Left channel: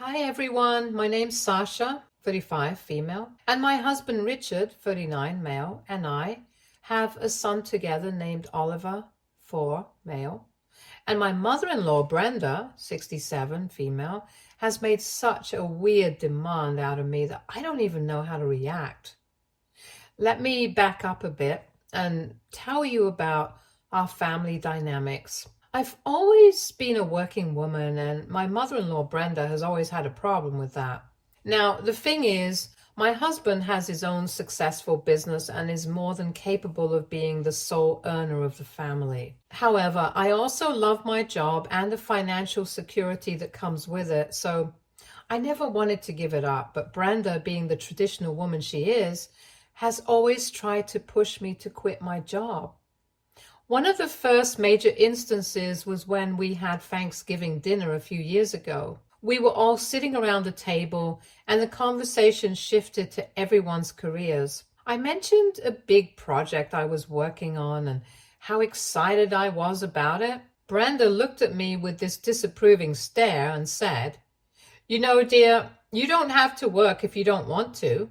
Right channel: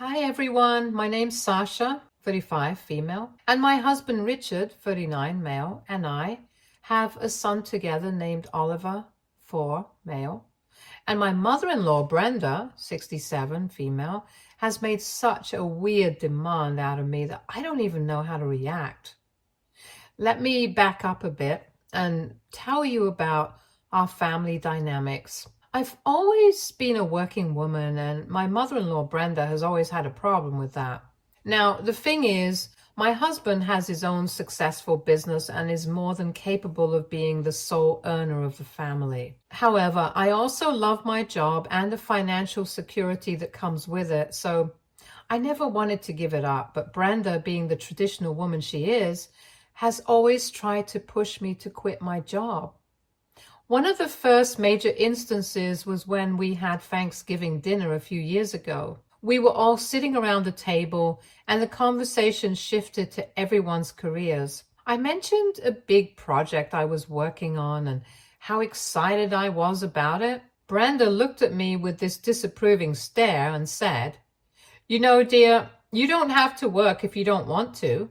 Hi everyone, my name's Sasha, 35, female, and my husband Richard, 39, male, and I have a son together named Oliver, 4, male. And my mother-in-law, Brenda, 67, female, has made such a weird demand out of me that I don't even know how to react. Let me back up a bit and tell you about our family dynamics. I've always been a working woman, and my mother-in-law, Brenda, has always had a problem with that. Now, the thing is, my husband has his own successful business and is more than capable of being the sole earner of the family. However, I also love my job and the financial security that comes with it, so I never wanted to give it up. But Brenda, being the traditional woman she is, has always tried to push me to quit my job. One of the first major instances was when we had Thanksgiving dinner a few years ago. We were all sitting around the table and the conversation shifted to everyone's careers. I mentioned a big project I was working on and how excited I was about it. Brenda looked at me with this disapproving stare and said, "You know, dear, you don't have to work if you don't want to.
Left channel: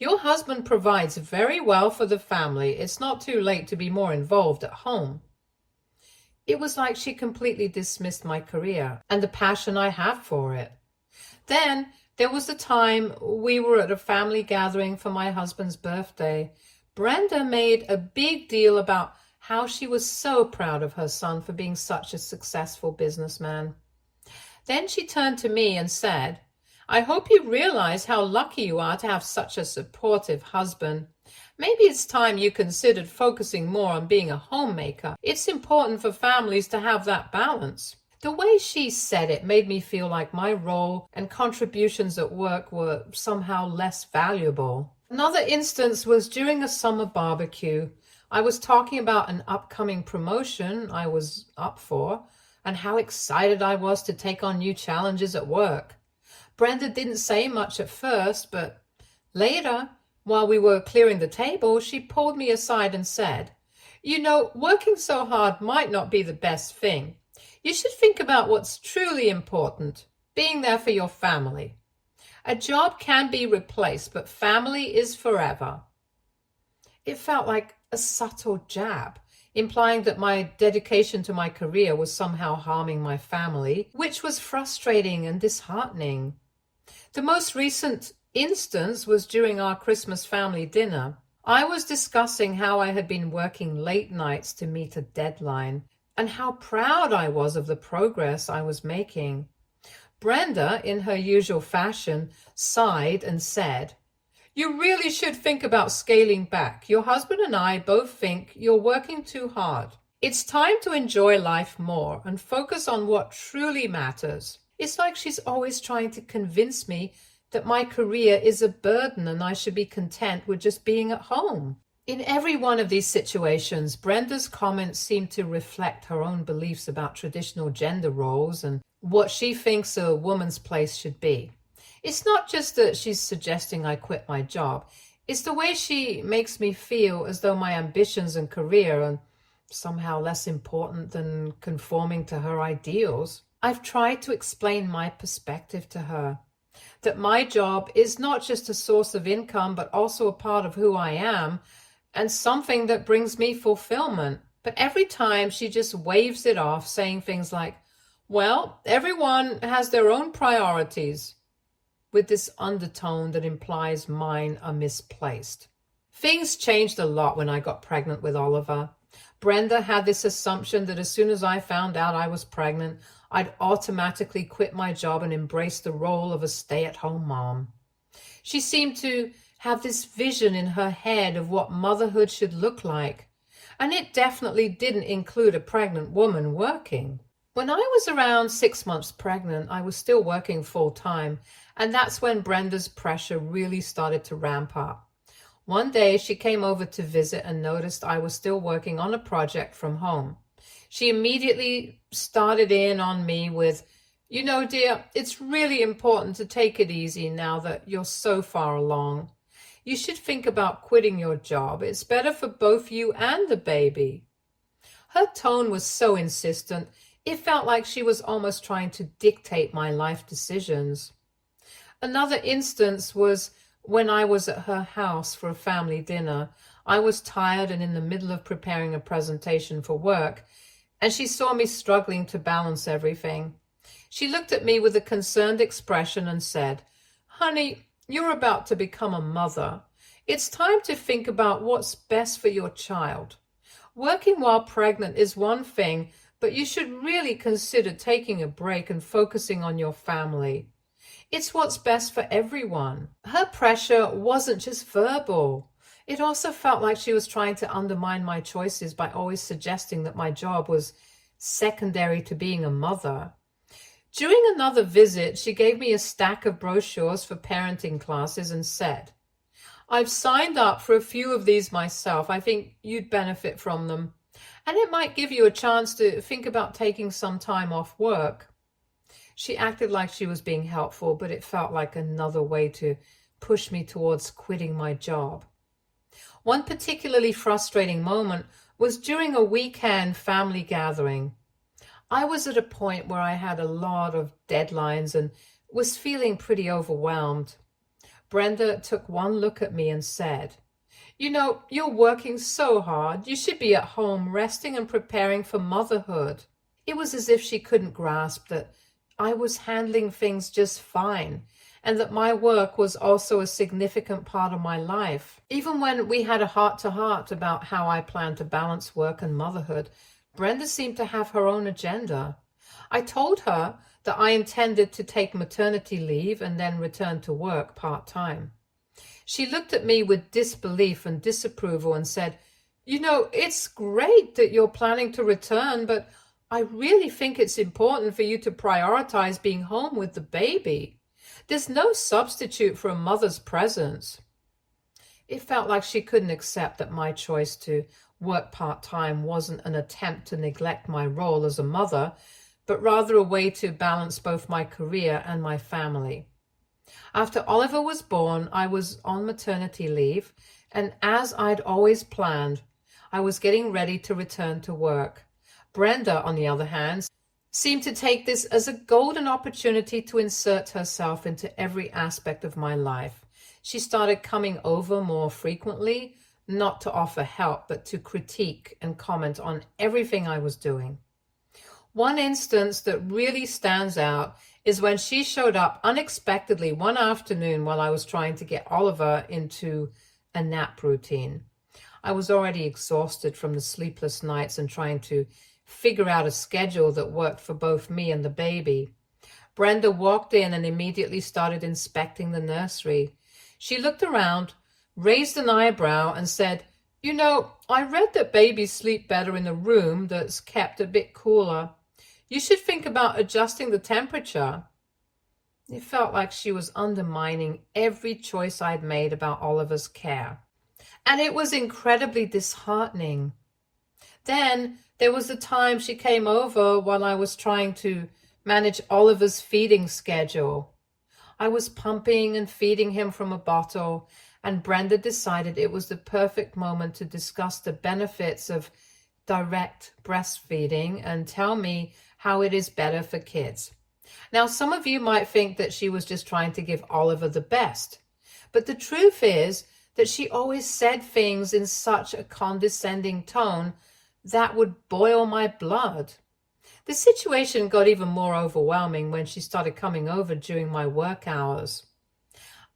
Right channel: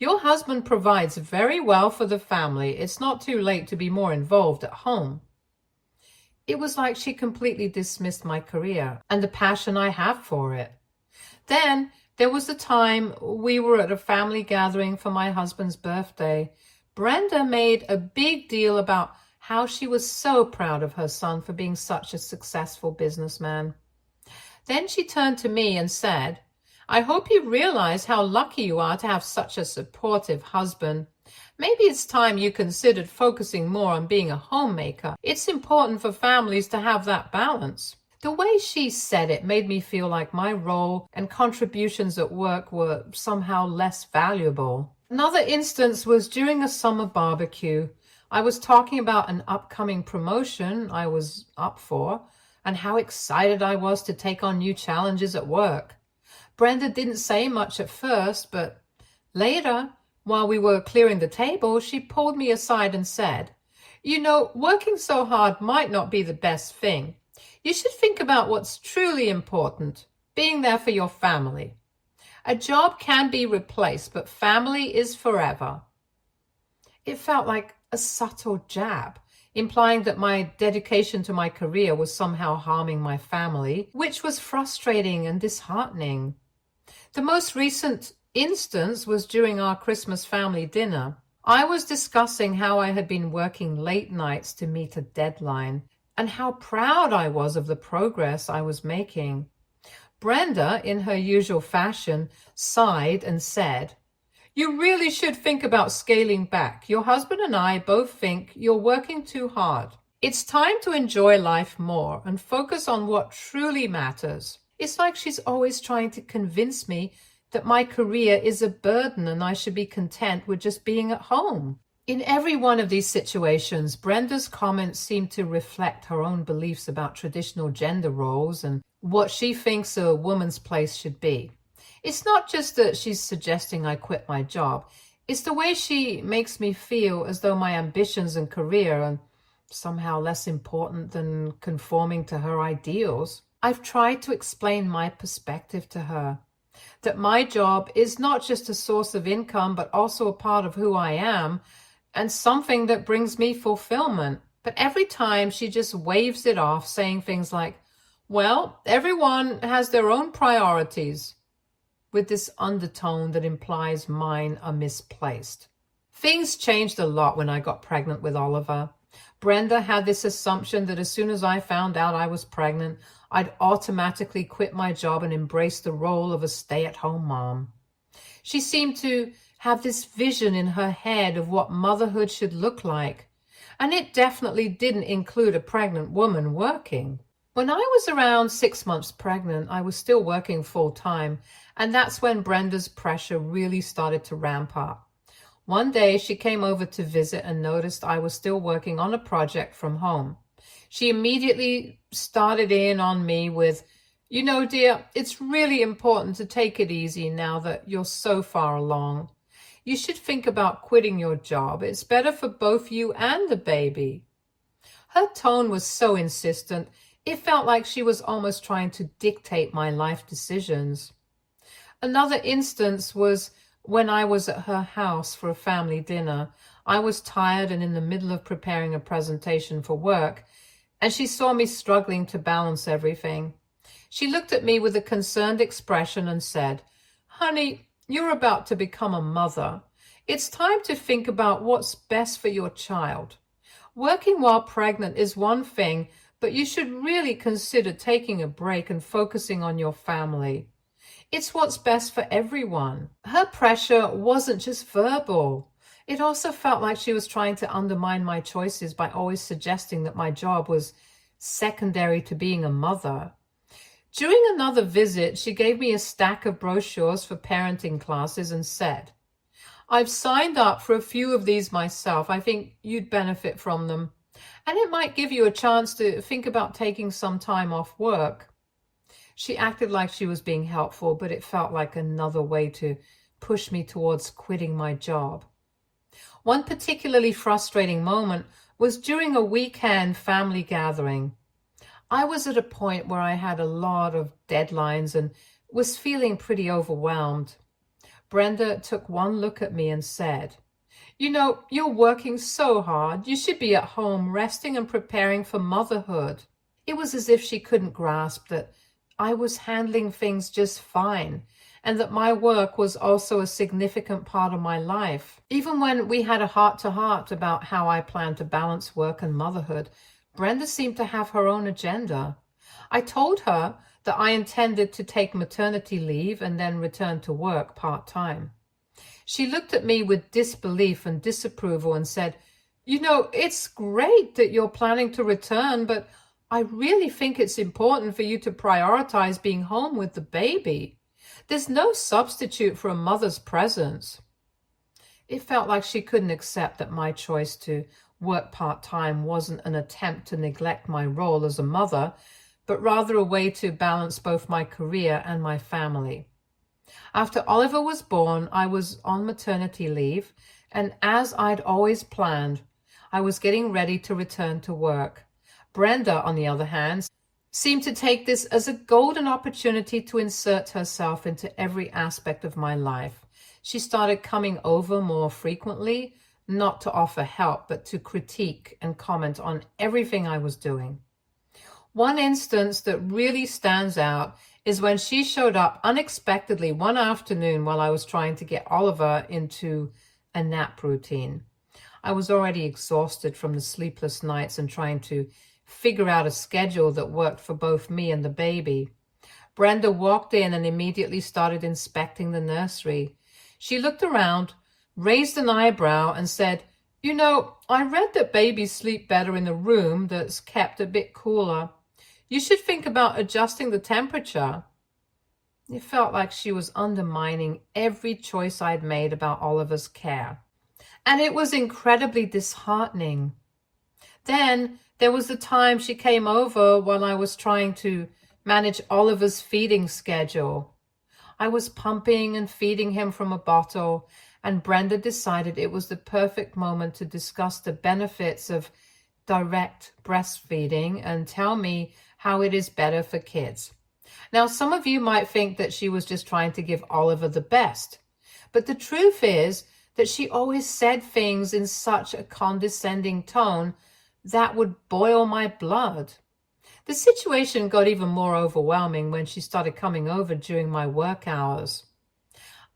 Your husband provides very well for the family. It's not too late to be more involved at home." It was like she completely dismissed my career and the passion I have for it. Then there was the time we were at a family gathering for my husband's birthday. Brenda made a big deal about how she was so proud of her son for being such a successful businessman. Then she turned to me and said, "I hope you realize how lucky you are to have such a supportive husband. Maybe it's time you considered focusing more on being a homemaker. It's important for families to have that balance." The way she said it made me feel like my role and contributions at work were somehow less valuable. Another instance was during a summer barbecue. I was talking about an upcoming promotion I was up for and how excited I was to take on new challenges at work. Brenda didn't say much at first, but later, while we were clearing the table, she pulled me aside and said, "You know, working so hard might not be the best thing. You should think about what's truly important, being there for your family. A job can be replaced, but family is forever." It felt like a subtle jab, implying that my dedication to my career was somehow harming my family, which was frustrating and disheartening. The most recent instance was during our Christmas family dinner. I was discussing how I had been working late nights to meet a deadline and how proud I was of the progress I was making. Brenda, in her usual fashion, sighed and said, "You really should think about scaling back. Your husband and I both think you're working too hard. It's time to enjoy life more and focus on what truly matters." It's like she's always trying to convince me that my career is a burden and I should be content with just being at home. In every one of these situations, Brenda's comments seem to reflect her own beliefs about traditional gender roles and what she thinks a woman's place should be. It's not just that she's suggesting I quit my job. It's the way she makes me feel as though my ambitions and career are somehow less important than conforming to her ideals. I've tried to explain my perspective to her, that my job is not just a source of income, but also a part of who I am and something that brings me fulfillment. But every time she just waves it off, saying things like, "Well, everyone has their own priorities," with this undertone that implies mine are misplaced. Things changed a lot when I got pregnant with Oliver. Brenda had this assumption that as soon as I found out I was pregnant, I'd automatically quit my job and embrace the role of a stay-at-home mom. She seemed to have this vision in her head of what motherhood should look like, and it definitely didn't include a pregnant woman working. When I was around 6 months pregnant, I was still working full-time, and that's when Brenda's pressure really started to ramp up. One day, she came over to visit and noticed I was still working on a project from home. She immediately started in on me with, "You know, dear, it's really important to take it easy now that you're so far along. You should think about quitting your job. It's better for both you and the baby." Her tone was so insistent, It felt like she was almost trying to dictate my life decisions. Another instance was when I was at her house for a family dinner. I was tired and in the middle of preparing a presentation for work, and she saw me struggling to balance everything. She looked at me with a concerned expression and said, "Honey, you're about to become a mother. It's time to think about what's best for your child. Working while pregnant is one thing, but you should really consider taking a break and focusing on your family. It's what's best for everyone." Her pressure wasn't just verbal. It also felt like she was trying to undermine my choices by always suggesting that my job was secondary to being a mother. During another visit, she gave me a stack of brochures for parenting classes and said, "I've signed up for a few of these myself. I think you'd benefit from them. And it might give you a chance to think about taking some time off work." She acted like she was being helpful, but it felt like another way to push me towards quitting my job. One particularly frustrating moment was during a weekend family gathering. I was at a point where I had a lot of deadlines and was feeling pretty overwhelmed. Brenda took one look at me and said, "You know, you're working so hard. You should be at home resting and preparing for motherhood." It was as if she couldn't grasp that I was handling things just fine and that my work was also a significant part of my life. Even when we had a heart-to-heart about how I planned to balance work and motherhood, Brenda seemed to have her own agenda. I told her that I intended to take maternity leave and then return to work part-time. She looked at me with disbelief and disapproval and said, "You know, it's great that you're planning to return, but I really think it's important for you to prioritize being home with the baby. There's no substitute for a mother's presence." It felt like she couldn't accept that my choice to work part-time wasn't an attempt to neglect my role as a mother, but rather a way to balance both my career and my family. After Oliver was born, I was on maternity leave, and as I'd always planned, I was getting ready to return to work. Brenda, on the other hand, seemed to take this as a golden opportunity to insert herself into every aspect of my life. She started coming over more frequently, not to offer help, but to critique and comment on everything I was doing. One instance that really stands out is when she showed up unexpectedly one afternoon while I was trying to get Oliver into a nap routine. I was already exhausted from the sleepless nights and trying to figure out a schedule that worked for both me and the baby. Brenda walked in and immediately started inspecting the nursery. She looked around, raised an eyebrow, and said, "You know, I read that babies sleep better in a room that's kept a bit cooler. You should think about adjusting the temperature." It felt like she was undermining every choice I'd made about Oliver's care. And it was incredibly disheartening. Then there was the time she came over while I was trying to manage Oliver's feeding schedule. I was pumping and feeding him from a bottle, and Brenda decided it was the perfect moment to discuss the benefits of direct breastfeeding and tell me how it is better for kids. Now, some of you might think that she was just trying to give Oliver the best, but the truth is that she always said things in such a condescending tone that would boil my blood. The situation got even more overwhelming when she started coming over during my work hours.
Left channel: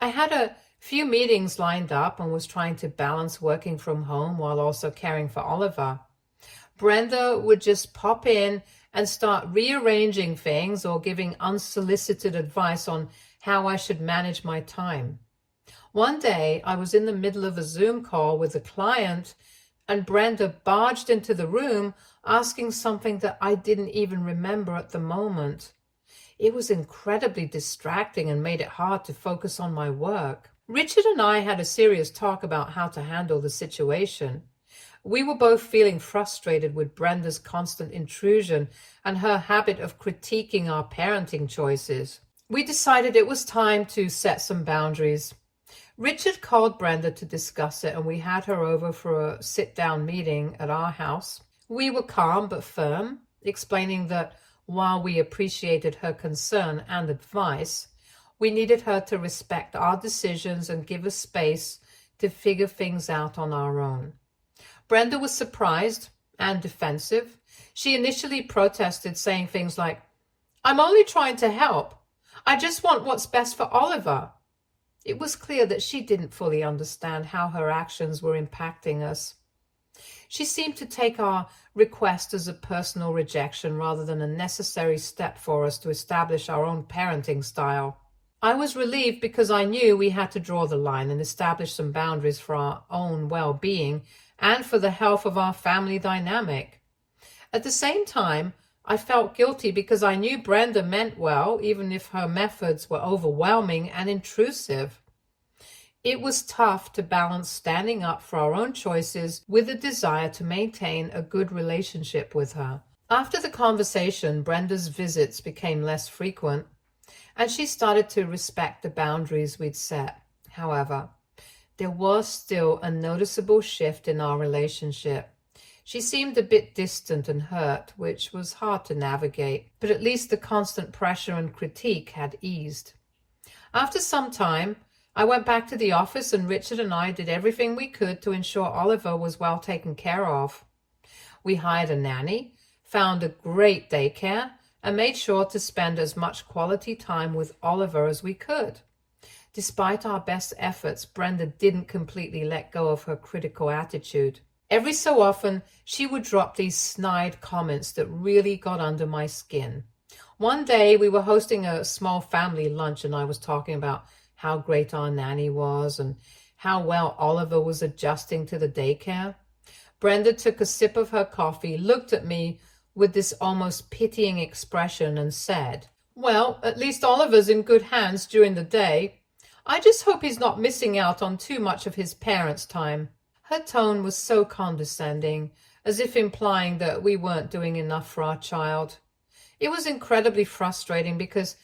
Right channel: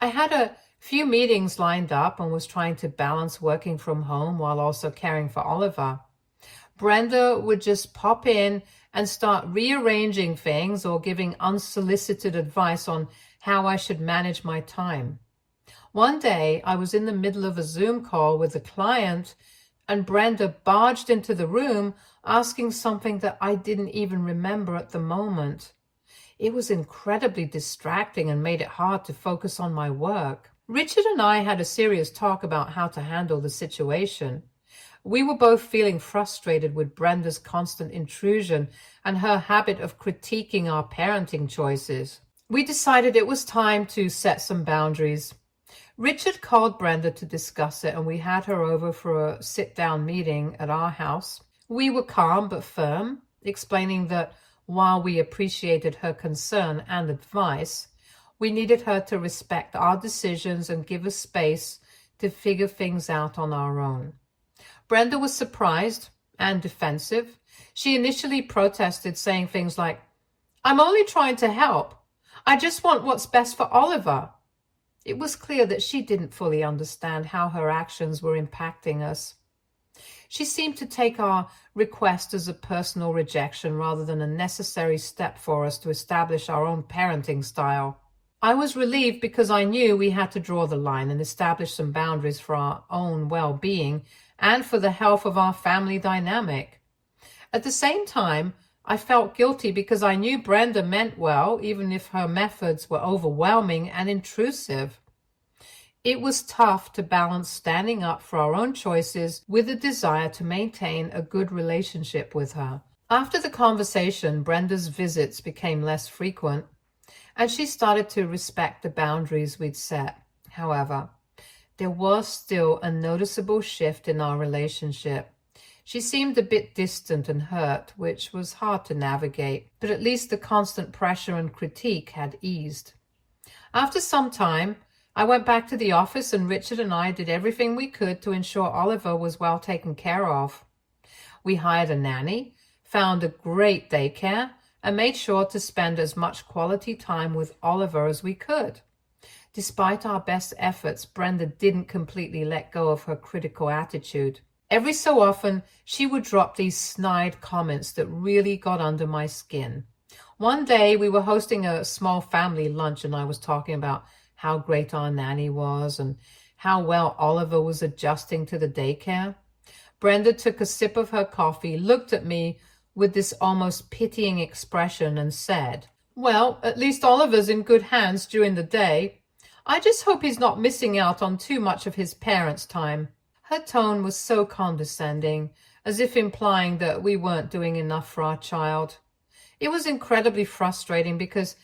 I had a few meetings lined up and was trying to balance working from home while also caring for Oliver. Brenda would just pop in and start rearranging things or giving unsolicited advice on how I should manage my time. One day, I was in the middle of a Zoom call with a client, and Brenda barged into the room asking something that I didn't even remember at the moment. It was incredibly distracting and made it hard to focus on my work. Richard and I had a serious talk about how to handle the situation. We were both feeling frustrated with Brenda's constant intrusion and her habit of critiquing our parenting choices. We decided it was time to set some boundaries. Richard called Brenda to discuss it, and we had her over for a sit-down meeting at our house. We were calm but firm. explaining that while we appreciated her concern and advice, we needed her to respect our decisions and give us space to figure things out on our own. Brenda was surprised and defensive. She initially protested, saying things like, "I'm only trying to help. I just want what's best for Oliver." It was clear that she didn't fully understand how her actions were impacting us. She seemed to take our request as a personal rejection rather than a necessary step for us to establish our own parenting style. I was relieved because I knew we had to draw the line and establish some boundaries for our own well-being and for the health of our family dynamic. At the same time, I felt guilty because I knew Brenda meant well, even if her methods were overwhelming and intrusive. It was tough to balance standing up for our own choices with a desire to maintain a good relationship with her. After the conversation, Brenda's visits became less frequent, and she started to respect the boundaries we'd set. However, there was still a noticeable shift in our relationship. She seemed a bit distant and hurt, which was hard to navigate, but at least the constant pressure and critique had eased. After some time, I went back to the office, and Richard and I did everything we could to ensure Oliver was well taken care of. We hired a nanny, found a great daycare, and made sure to spend as much quality time with Oliver as we could. Despite our best efforts, Brenda didn't completely let go of her critical attitude. Every so often, she would drop these snide comments that really got under my skin. One day, we were hosting a small family lunch, and I was talking about how great our nanny was and how well Oliver was adjusting to the daycare. Brenda took a sip of her coffee, looked at me with this almost pitying expression, and said, "Well, at least Oliver's in good hands during the day. I just hope he's not missing out on too much of his parents' time." Her tone was so condescending, as if implying that we weren't doing enough for our child. It was incredibly frustrating because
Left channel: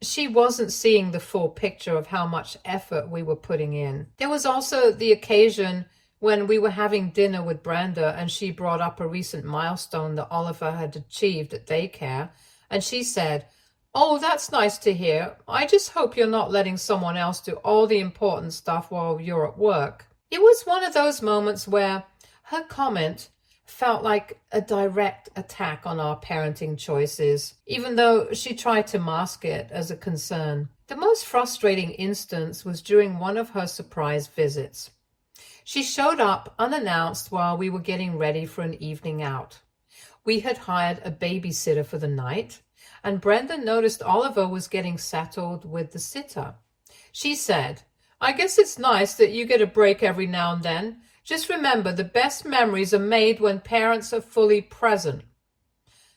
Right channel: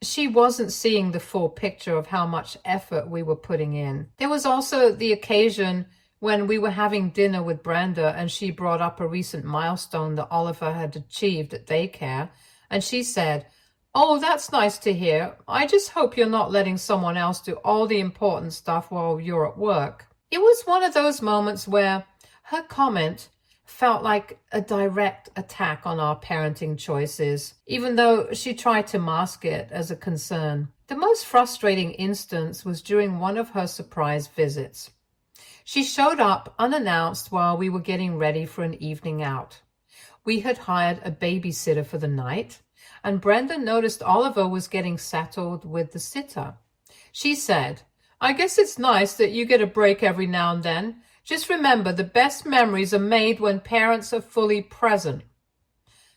she wasn't seeing the full picture of how much effort we were putting in. There was also the occasion when we were having dinner with Brenda, and she brought up a recent milestone that Oliver had achieved at daycare, and she said, "Oh, that's nice to hear. I just hope you're not letting someone else do all the important stuff while you're at work." It was one of those moments where her comment felt like a direct attack on our parenting choices, even though she tried to mask it as a concern. The most frustrating instance was during one of her surprise visits. She showed up unannounced while we were getting ready for an evening out. We had hired a babysitter for the night, and Brenda noticed Oliver was getting settled with the sitter. She said, "I guess it's nice that you get a break every now and then. Just remember, the best memories are made when parents are fully present."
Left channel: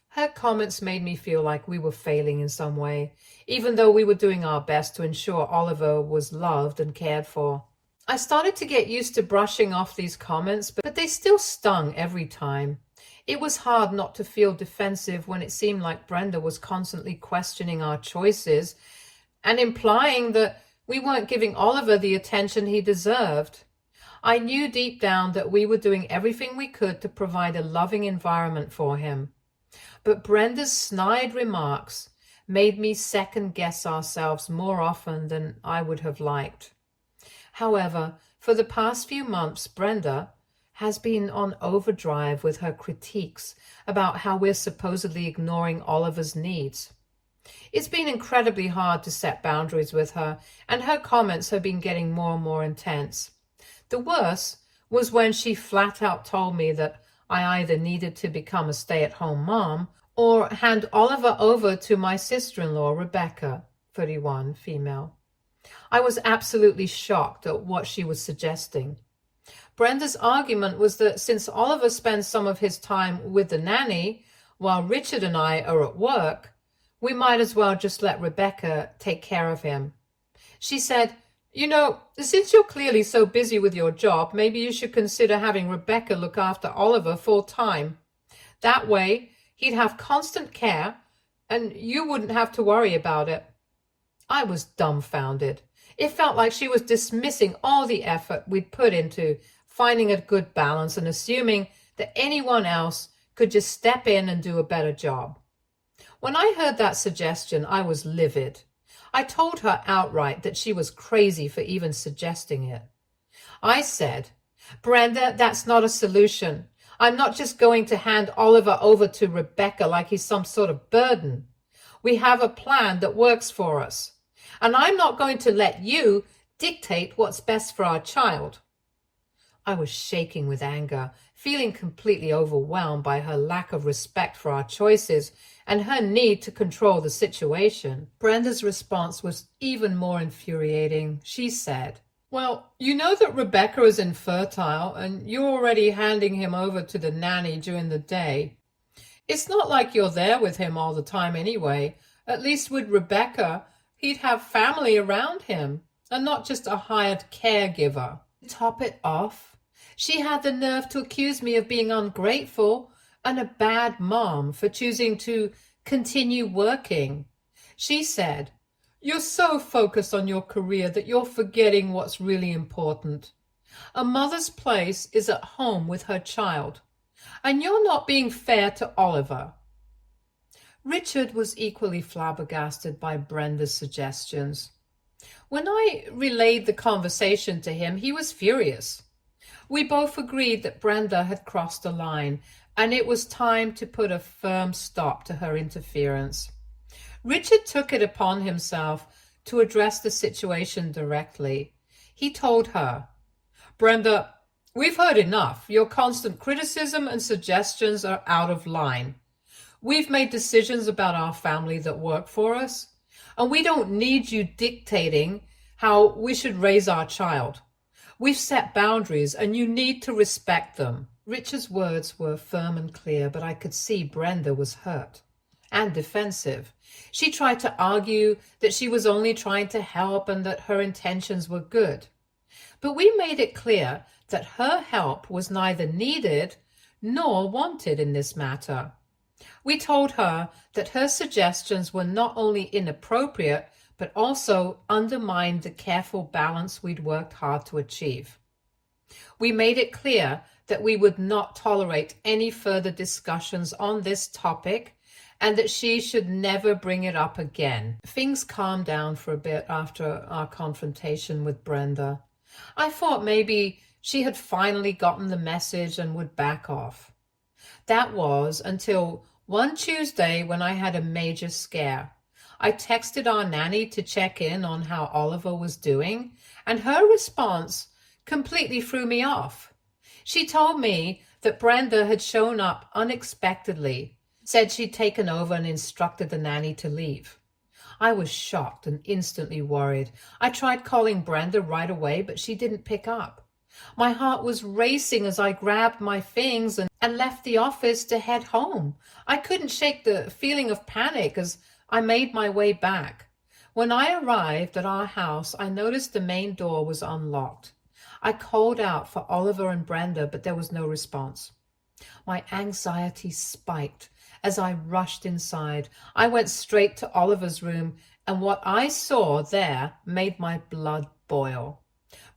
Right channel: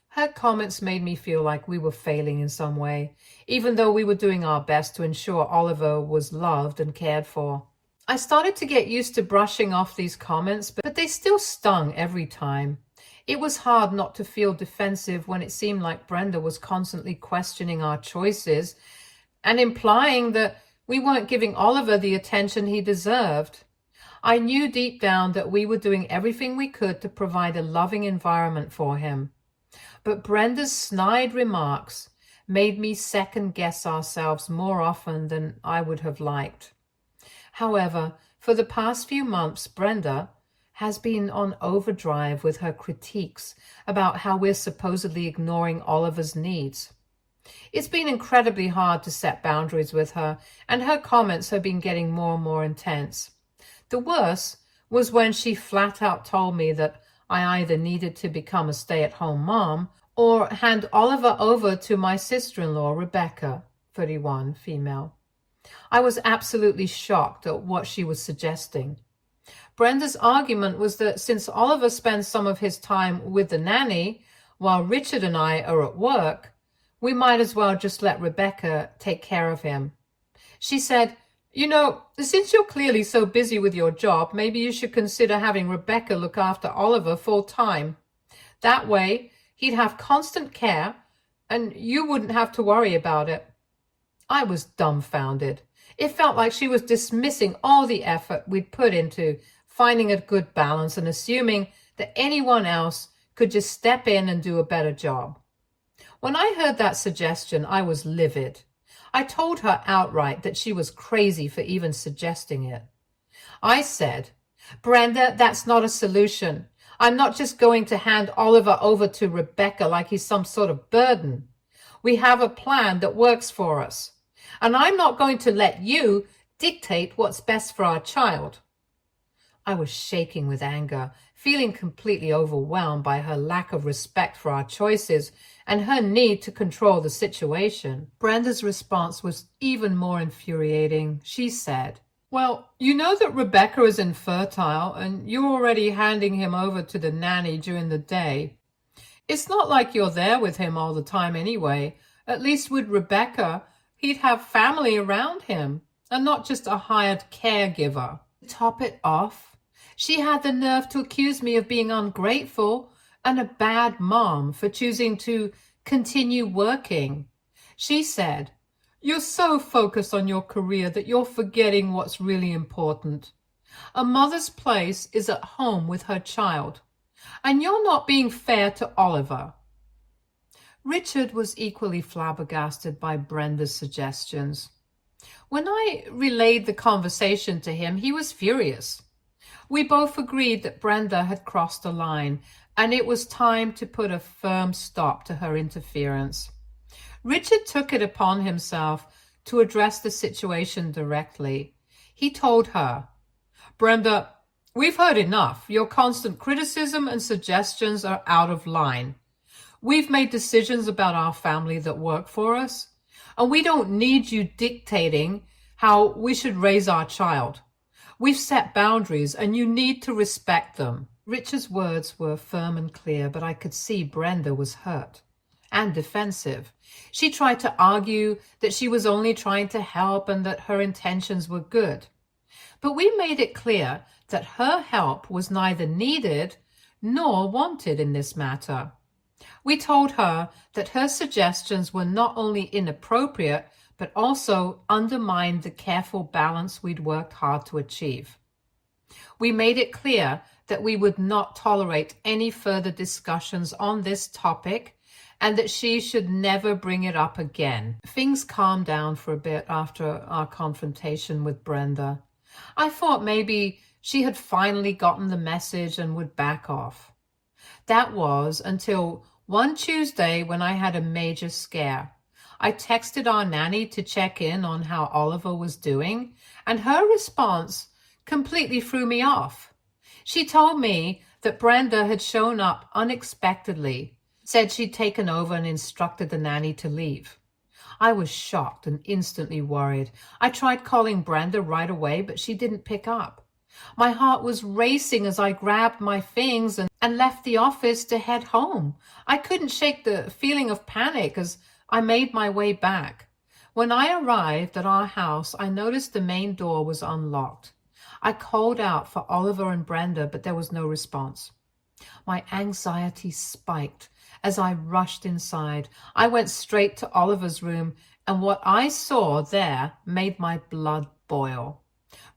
Her comments made me feel like we were failing in some way, even though we were doing our best to ensure Oliver was loved and cared for. I started to get used to brushing off these comments, but they still stung every time. It was hard not to feel defensive when it seemed like Brenda was constantly questioning our choices and implying that we weren't giving Oliver the attention he deserved. I knew deep down that we were doing everything we could to provide a loving environment for him. But Brenda's snide remarks made me second-guess ourselves more often than I would have liked. However, for the past few months, Brenda has been on overdrive with her critiques about how we're supposedly ignoring Oliver's needs. It's been incredibly hard to set boundaries with her, and her comments have been getting more and more intense. The worst was when she flat out told me that I either needed to become a stay-at-home mom or hand Oliver over to my sister-in-law, Rebecca, 31, female. I was absolutely shocked at what she was suggesting. Brenda's argument was that since Oliver spends some of his time with the nanny while Richard and I are at work, we might as well just let Rebecca take care of him. She said, "You know, since you're clearly so busy with your job, maybe you should consider having Rebecca look after Oliver full time. That way, he'd have constant care and you wouldn't have to worry about it." I was dumbfounded. It felt like she was dismissing all the effort we'd put into finding a good balance and assuming that anyone else could just step in and do a better job. When I heard that suggestion, I was livid. I told her outright that she was crazy for even suggesting it. I said, "Brenda, that's not a solution. I'm not just going to hand Oliver over to Rebecca like he's some sort of burden. We have a plan that works for us, and I'm not going to let you dictate what's best for our child." I was shaking with anger, feeling completely overwhelmed by her lack of respect for our choices and her need to control the situation. Brenda's response was even more infuriating. She said, "Well, you know that Rebecca is infertile and you're already handing him over to the nanny during the day. It's not like you're there with him all the time anyway. At least with Rebecca, he'd have family around him and not just a hired caregiver." To top it off, she had the nerve to accuse me of being ungrateful and a bad mom for choosing to continue working. She said, "You're so focused on your career that you're forgetting what's really important. A mother's place is at home with her child, and you're not being fair to Oliver." Richard was equally flabbergasted by Brenda's suggestions. When I relayed the conversation to him, he was furious. We both agreed that Brenda had crossed the line, and it was time to put a firm stop to her interference. Richard took it upon himself to address the situation directly. He told her, "Brenda, we've heard enough. Your constant criticism and suggestions are out of line. We've made decisions about our family that work for us, and we don't need you dictating how we should raise our child. We've set boundaries, and you need to respect them." Richard's words were firm and clear, but I could see Brenda was hurt and defensive. She tried to argue that she was only trying to help and that her intentions were good. But we made it clear that her help was neither needed nor wanted in this matter. We told her that her suggestions were not only inappropriate, but also undermined the careful balance we'd worked hard to achieve. We made it clear that we would not tolerate any further discussions on this topic and that she should never bring it up again. Things calmed down for a bit after our confrontation with Brenda. I thought maybe she had finally gotten the message and would back off. That was until one Tuesday when I had a major scare. I texted our nanny to check in on how Oliver was doing, and her response completely threw me off. She told me that Brenda had shown up unexpectedly, said she'd taken over and instructed the nanny to leave. I was shocked and instantly worried. I tried calling Brenda right away, but she didn't pick up. My heart was racing as I grabbed my things and left the office to head home. I couldn't shake the feeling of panic as I made my way back. When I arrived at our house, I noticed the main door was unlocked. I called out for Oliver and Brenda, but there was no response. My anxiety spiked as I rushed inside. I went straight to Oliver's room, and what I saw there made my blood boil.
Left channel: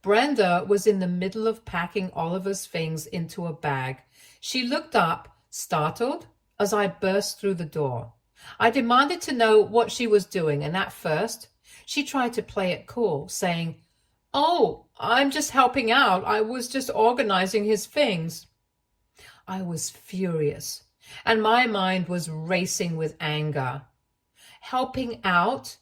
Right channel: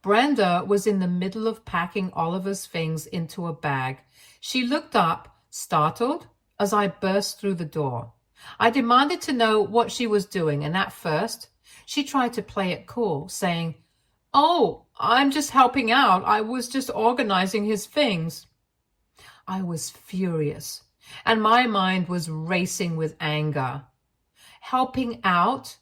Brenda was in the middle of packing Oliver's things into a bag. She looked up, startled, as I burst through the door. I demanded to know what she was doing, and at first, she tried to play it cool, saying, "Oh, I'm just helping out. I was just organizing his things." I was furious, and my mind was racing with anger. "Helping out?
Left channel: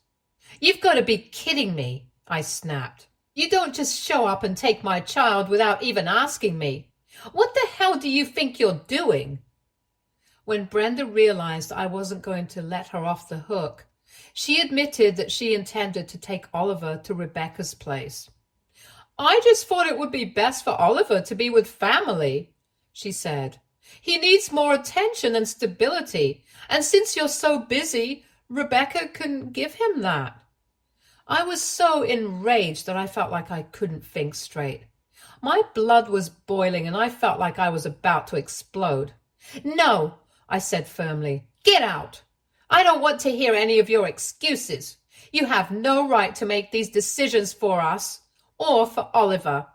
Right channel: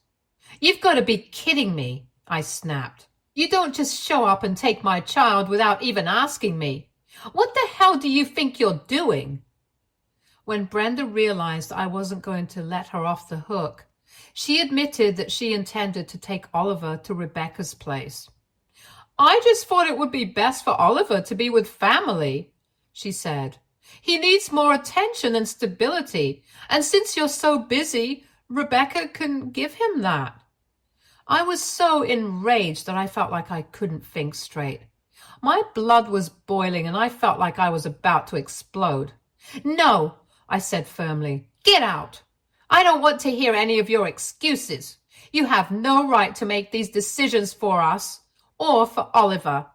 You've got to be kidding me," I snapped. "You don't just show up and take my child without even asking me. What the hell do you think you're doing?" When Brenda realized I wasn't going to let her off the hook, she admitted that she intended to take Oliver to Rebecca's place. "I just thought it would be best for Oliver to be with family," she said. "He needs more attention and stability, and since you're so busy, Rebecca can give him that." I was so enraged that I felt like I couldn't think straight. My blood was boiling and I felt like I was about to explode. "No," I said firmly. "Get out. I don't want to hear any of your excuses. You have no right to make these decisions for us or for Oliver."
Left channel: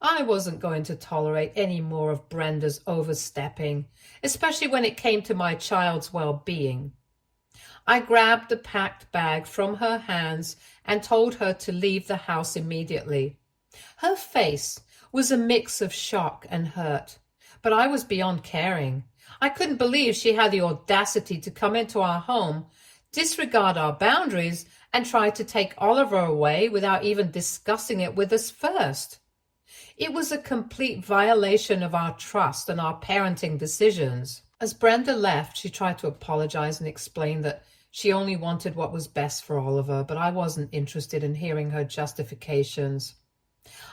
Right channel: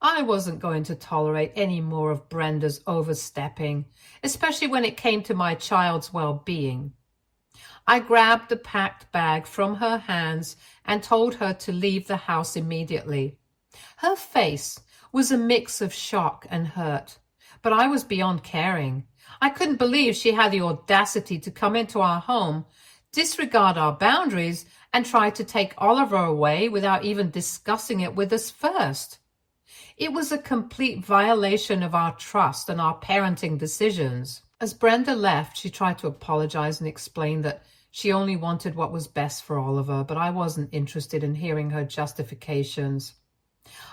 I wasn't going to tolerate any more of Brenda's overstepping, especially when it came to my child's well-being. I grabbed the packed bag from her hands and told her to leave the house immediately. Her face was a mix of shock and hurt, but I was beyond caring. I couldn't believe she had the audacity to come into our home, disregard our boundaries, and try to take Oliver away without even discussing it with us first. It was a complete violation of our trust and our parenting decisions. As Brenda left, she tried to apologize and explain that she only wanted what was best for Oliver, but I wasn't interested in hearing her justifications.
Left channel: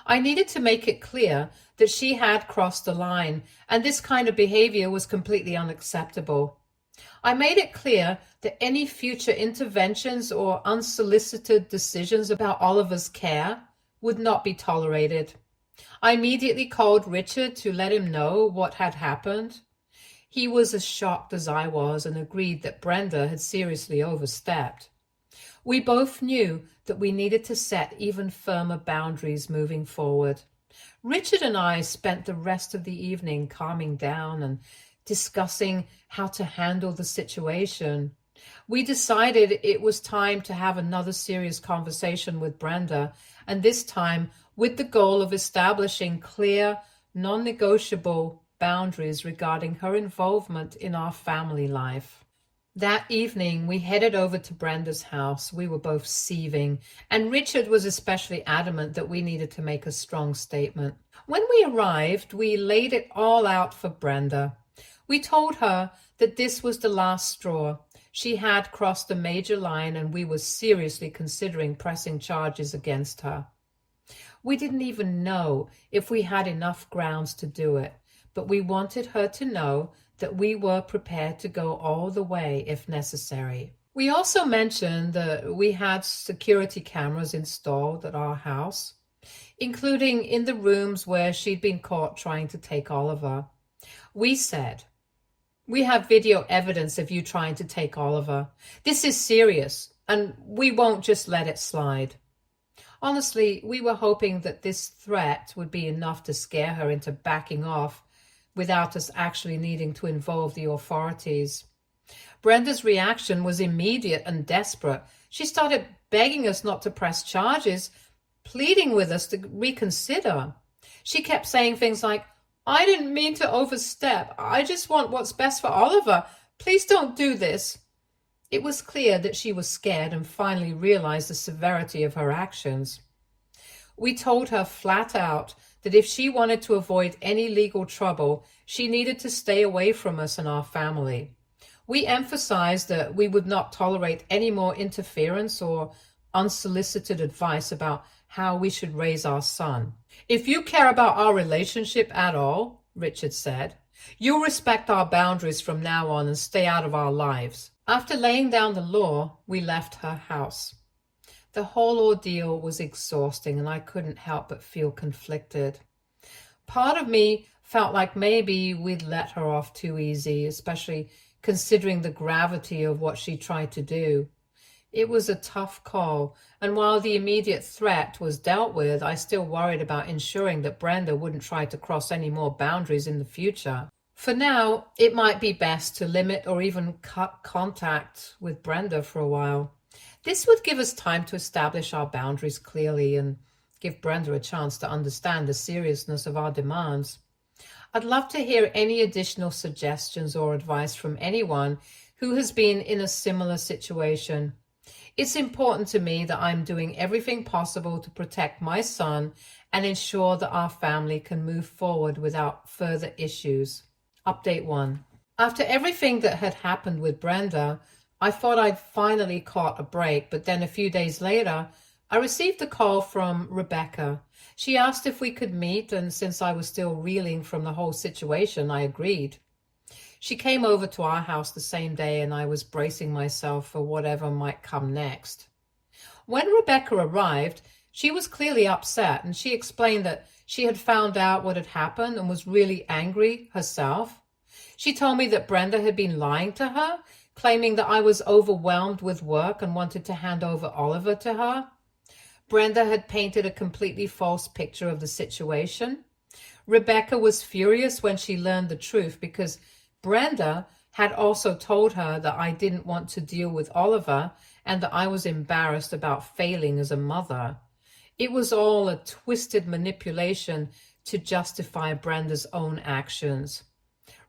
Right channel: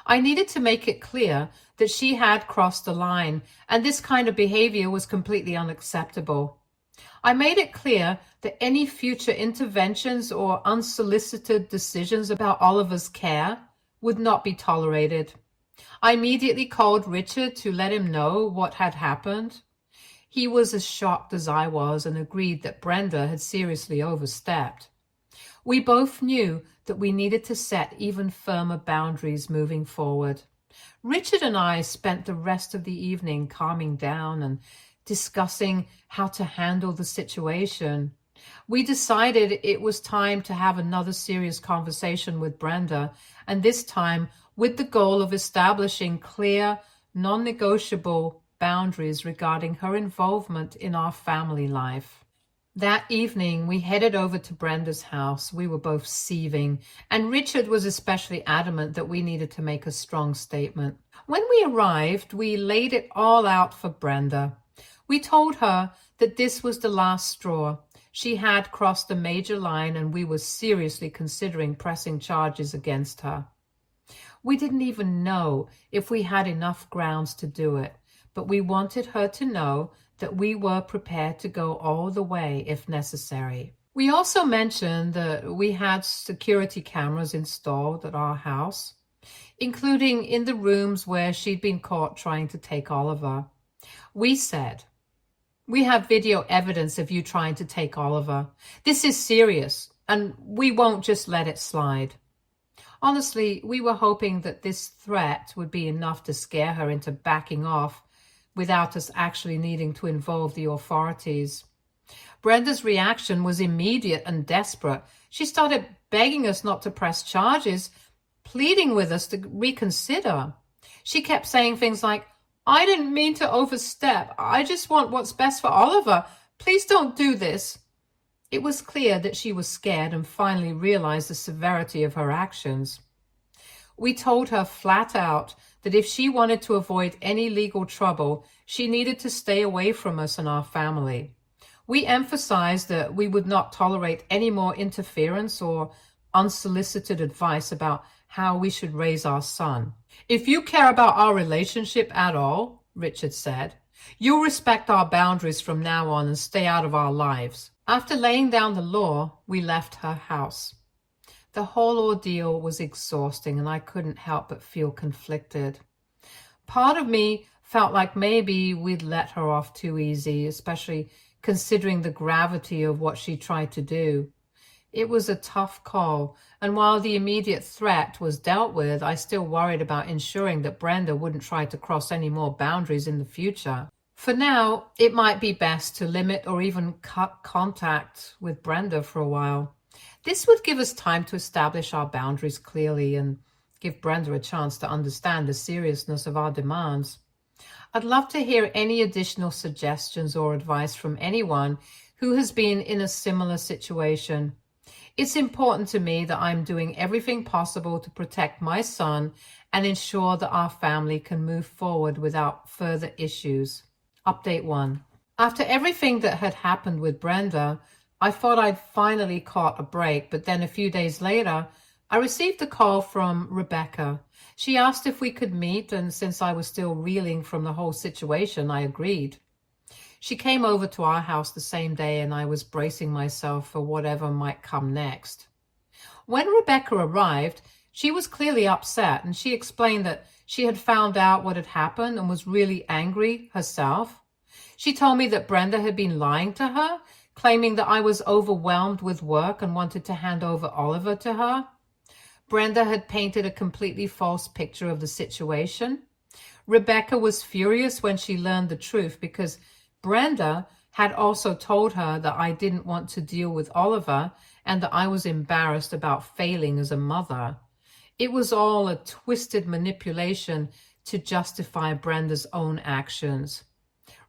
I needed to make it clear that she had crossed the line, and this kind of behavior was completely unacceptable. I made it clear that any future interventions or unsolicited decisions about Oliver's care would not be tolerated. I immediately called Richard to let him know what had happened. He was as shocked as I was and agreed that Brenda had seriously overstepped. We both knew that we needed to set even firmer boundaries moving forward. Richard and I spent the rest of the evening calming down and discussing how to handle the situation. We decided it was time to have another serious conversation with Brenda, and this time with the goal of establishing clear, non-negotiable boundaries regarding her involvement in our family life. That evening, we headed over to Brenda's house. We were both seething, and Richard was especially adamant that we needed to make a strong statement. When we arrived, we laid it all out for Brenda. We told her that this was the last straw. She had crossed a major line, and we were seriously considering pressing charges against her. We didn't even know if we had enough grounds to do it, but we wanted her to know that we were prepared to go all the way if necessary. We also mentioned that we had security cameras installed at our house, including in the rooms where she'd been caught trying to take Oliver. We said, "We have video evidence of you trying to take Oliver. This is serious, and we won't just let it slide." Honestly, we were hoping that this threat would be enough to scare her into backing off without us actually needing to involve the authorities. Brenda's reaction was immediate and desperate. She started begging us not to press charges, pleading with us to reconsider. She kept saying things like, "I didn't mean to overstep. I just want what's best for Oliver. Please don't do this." It was clear that she was scared and finally realized the severity of her actions. We told her flat out that if she wanted to avoid any legal trouble, she needed to stay away from us and our family. We emphasized that we would not tolerate any more interference or unsolicited advice about how we should raise our son. "If you care about our relationship at all," Richard said, "you'll respect our boundaries from now on and stay out of our lives." After laying down the law, we left her house. The whole ordeal was exhausting, and I couldn't help but feel conflicted. Part of me felt like maybe we'd let her off too easy, especially considering the gravity of what she tried to do. It was a tough call, and while the immediate threat was dealt with, I still worried about ensuring that Brenda wouldn't try to cross any more boundaries in the future. For now, it might be best to limit or even cut contact with Brenda for a while. This would give us time to establish our boundaries clearly and give Brenda a chance to understand the seriousness of our demands. I'd love to hear any additional suggestions or advice from anyone who has been in a similar situation. It's important to me that I'm doing everything possible to protect my son and ensure that our family can move forward without further issues. Update 1. After everything that had happened with Brenda, I thought I'd finally caught a break, but then a few days later, I received a call from Rebecca. She asked if we could meet, and since I was still reeling from the whole situation, I agreed. She came over to our house the same day, and I was bracing myself for whatever might come next. When Rebecca arrived, she was clearly upset, and she explained that she had found out what had happened and was really angry herself. She told me that Brenda had been lying to her, claiming that I was overwhelmed with work and wanted to hand over Oliver to her. Brenda had painted a completely false picture of the situation. Rebecca was furious when she learned the truth because Brenda had also told her that I didn't want to deal with Oliver and that I was embarrassed about failing as a mother. It was all a twisted manipulation to justify Brenda's own actions.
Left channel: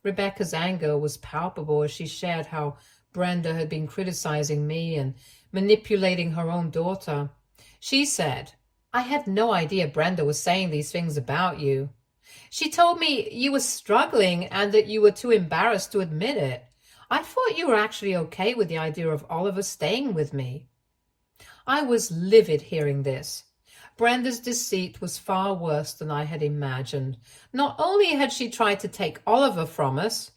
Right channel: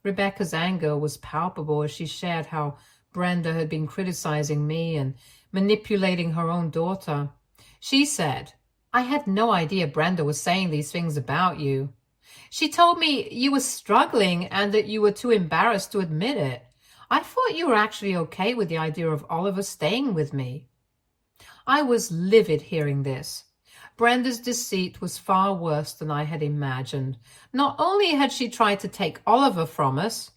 Rebecca's anger was palpable as she shared how Brenda had been criticizing me and manipulating her own daughter. She said, "I had no idea Brenda was saying these things about you. She told me you were struggling and that you were too embarrassed to admit it. I thought you were actually okay with the idea of Oliver staying with me." I was livid hearing this. Brenda's deceit was far worse than I had imagined. Not only had she tried to take Oliver from us,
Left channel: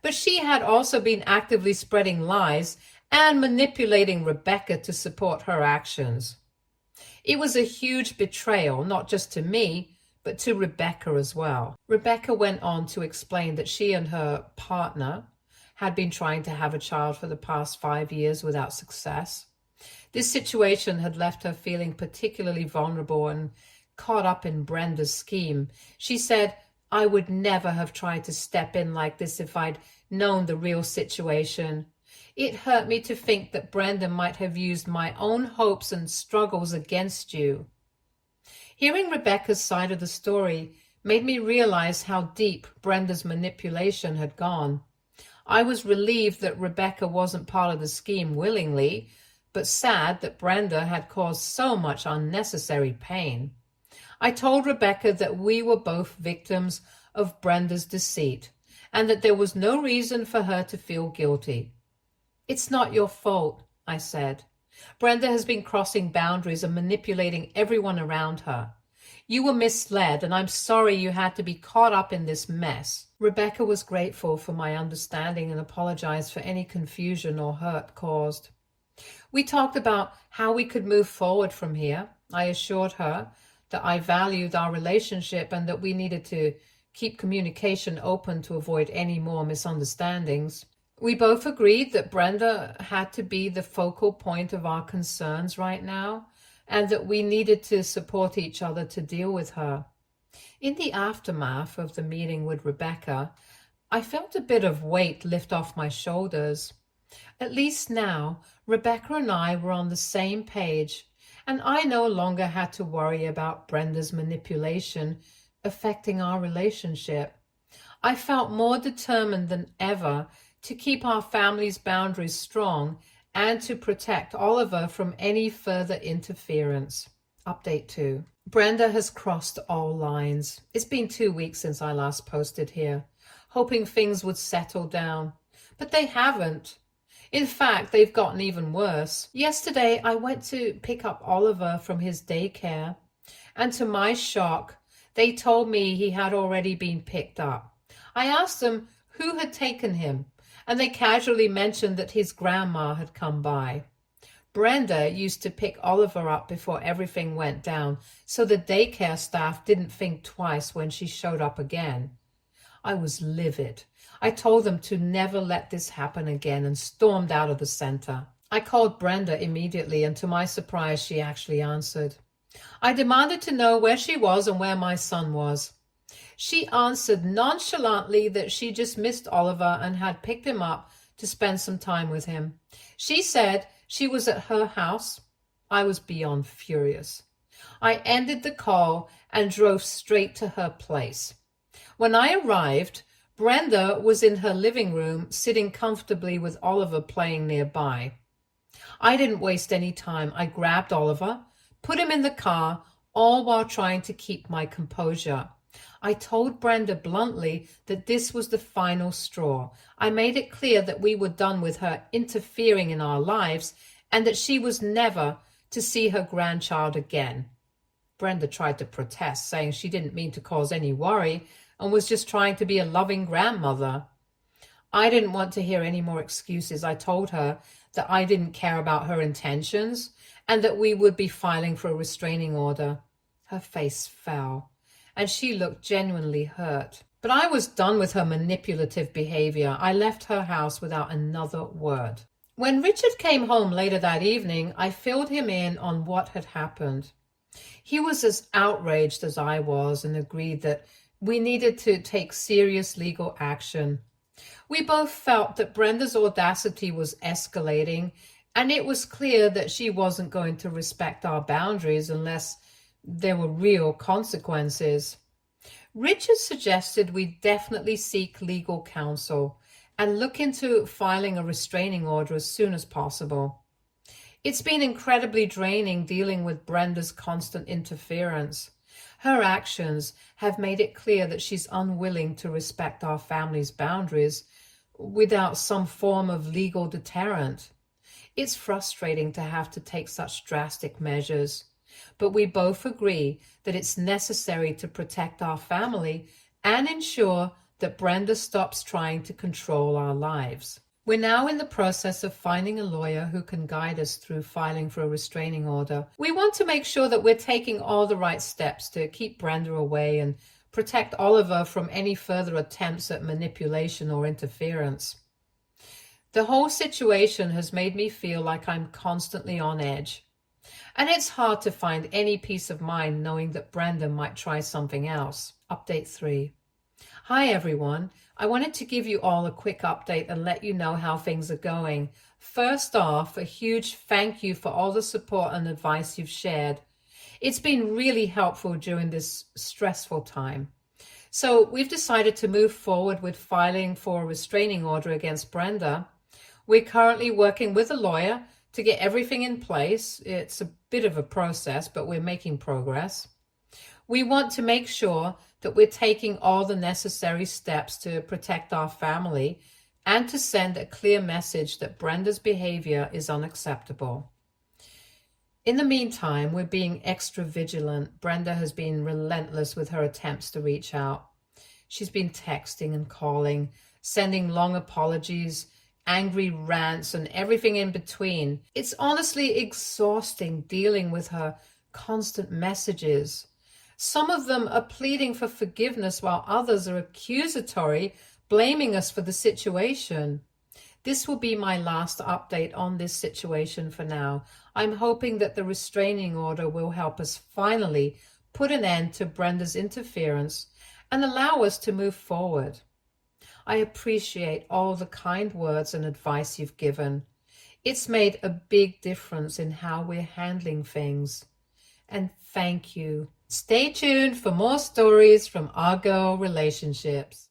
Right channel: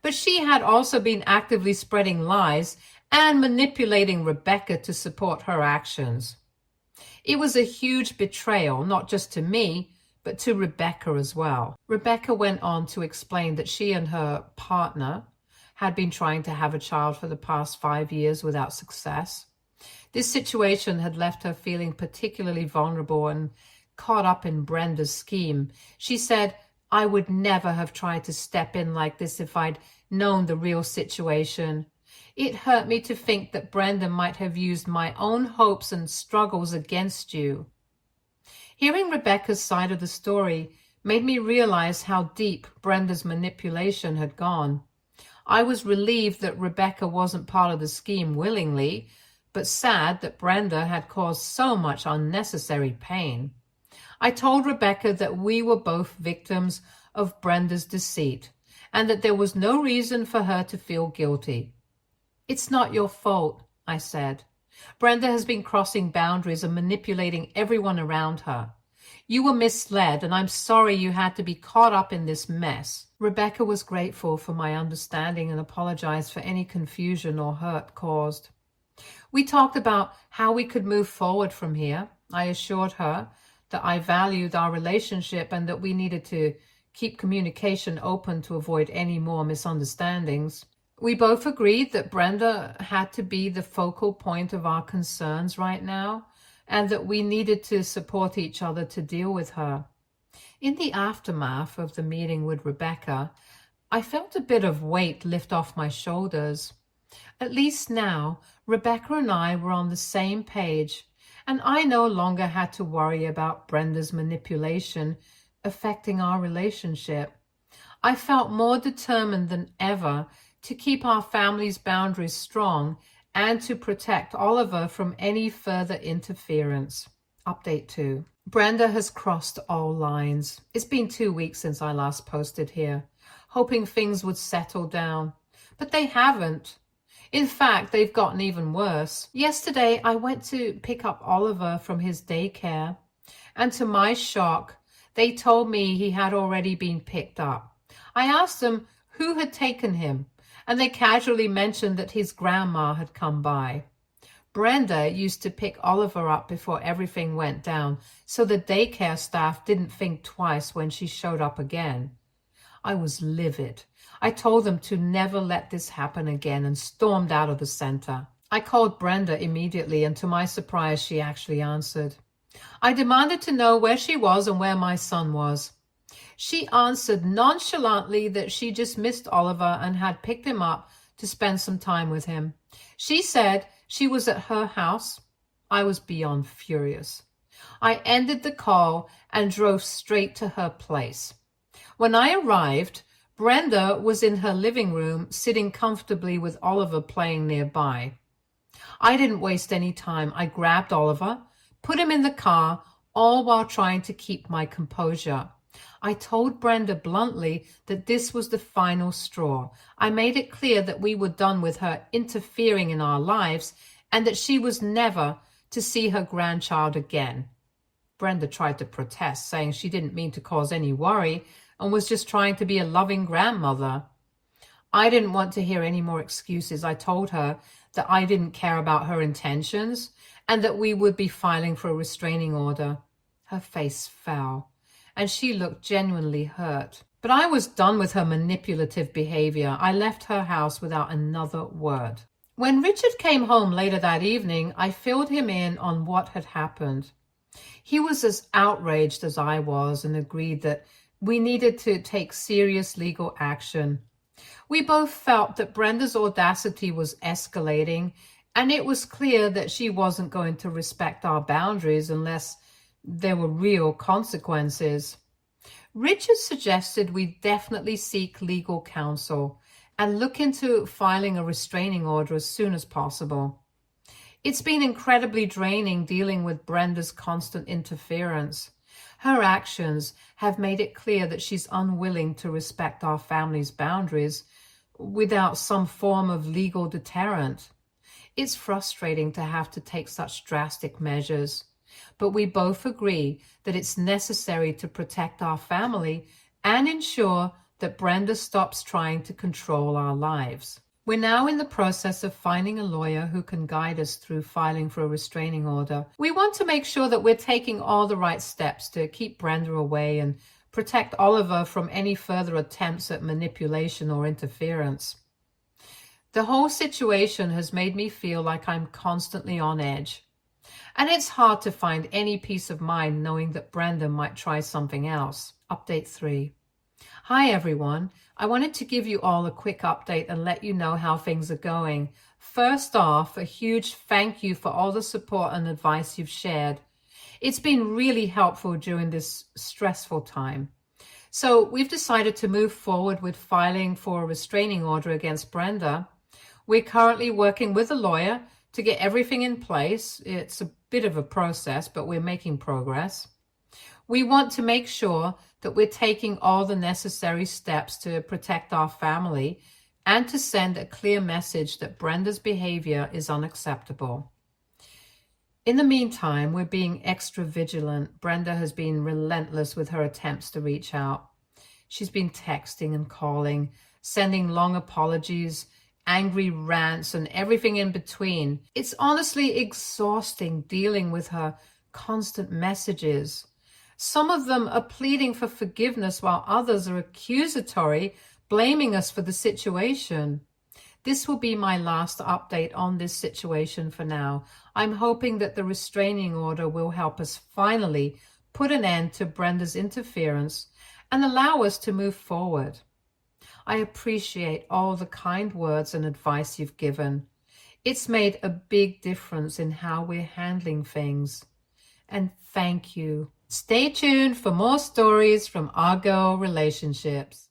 but she had also been actively spreading lies and manipulating Rebecca to support her actions. It was a huge betrayal, not just to me, but to Rebecca as well. Rebecca went on to explain that she and her partner had been trying to have a child for the past 5 years without success. This situation had left her feeling particularly vulnerable and caught up in Brenda's scheme. She said, "I would never have tried to step in like this if I'd known the real situation. It hurt me to think that Brenda might have used my own hopes and struggles against you." Hearing Rebecca's side of the story made me realize how deep Brenda's manipulation had gone. I was relieved that Rebecca wasn't part of the scheme willingly, but sad that Brenda had caused so much unnecessary pain. I told Rebecca that we were both victims of Brenda's deceit and that there was no reason for her to feel guilty. "It's not your fault," I said. "Brenda has been crossing boundaries and manipulating everyone around her. You were misled, and I'm sorry you had to be caught up in this mess." Rebecca was grateful for my understanding and apologized for any confusion or hurt caused. We talked about how we could move forward from here. I assured her that I valued our relationship and that we needed to keep communication open to avoid any more misunderstandings. We both agreed that Brenda had to be the focal point of our concerns right now and that we needed to support each other to deal with her. In the aftermath of the meeting with Rebecca, I felt a bit of weight lift off my shoulders. At least now, Rebecca and I were on the same page, and I no longer had to worry about Brenda's manipulation affecting our relationship. I felt more determined than ever to keep our family's boundaries strong and to protect Oliver from any further interference. Update 2. Brenda has crossed all lines. It's been 2 weeks since I last posted here, hoping things would settle down, but they haven't. In fact, they've gotten even worse. Yesterday, I went to pick up Oliver from his daycare, and to my shock, they told me he had already been picked up. I asked them who had taken him, and they casually mentioned that his grandma had come by. Brenda used to pick Oliver up before everything went down, so the daycare staff didn't think twice when she showed up again. I was livid. I told them to never let this happen again and stormed out of the center. I called Brenda immediately, and to my surprise, she actually answered. I demanded to know where she was and where my son was. She answered nonchalantly that she just missed Oliver and had picked him up to spend some time with him. She said she was at her house. I was beyond furious. I ended the call and drove straight to her place. When I arrived, Brenda was in her living room, sitting comfortably with Oliver playing nearby. I didn't waste any time. I grabbed Oliver, put him in the car, all while trying to keep my composure. I told Brenda bluntly that this was the final straw. I made it clear that we were done with her interfering in our lives and that she was never to see her grandchild again. Brenda tried to protest, saying she didn't mean to cause any worry and was just trying to be a loving grandmother. I didn't want to hear any more excuses. I told her that I didn't care about her intentions and that we would be filing for a restraining order. Her face fell, and she looked genuinely hurt. But I was done with her manipulative behavior. I left her house without another word. When Richard came home later that evening, I filled him in on what had happened. He was as outraged as I was and agreed that we needed to take serious legal action. We both felt that Brenda's audacity was escalating, and it was clear that she wasn't going to respect our boundaries unless there were real consequences. Richard suggested we definitely seek legal counsel and look into filing a restraining order as soon as possible. It's been incredibly draining dealing with Brenda's constant interference. Her actions have made it clear that she's unwilling to respect our family's boundaries without some form of legal deterrent. It's frustrating to have to take such drastic measures, but we both agree that it's necessary to protect our family and ensure that Brenda stops trying to control our lives. We're now in the process of finding a lawyer who can guide us through filing for a restraining order. We want to make sure that we're taking all the right steps to keep Brenda away and protect Oliver from any further attempts at manipulation or interference. The whole situation has made me feel like I'm constantly on edge. And it's hard to find any peace of mind knowing that Brenda might try something else. Update 3. Hi everyone. I wanted to give you all a quick update and let you know how things are going. First off, a huge thank you for all the support and advice you've shared. It's been really helpful during this stressful time. So we've decided to move forward with filing for a restraining order against Brenda. We're currently working with a lawyer to get everything in place. It's a bit of a process, but we're making progress. We want to make sure that we're taking all the necessary steps to protect our family and to send a clear message that Brenda's behavior is unacceptable. In the meantime, we're being extra vigilant. Brenda has been relentless with her attempts to reach out. She's been texting and calling, sending long apologies, angry rants, and everything in between. It's honestly exhausting dealing with her constant messages. Some of them are pleading for forgiveness while others are accusatory, blaming us for the situation. This will be my last update on this situation for now. I'm hoping that the restraining order will help us finally put an end to Brenda's interference and allow us to move forward. I appreciate all the kind words and advice you've given. It's made a big difference in how we're handling things. And thank you. Stay tuned for more stories from our girl relationships.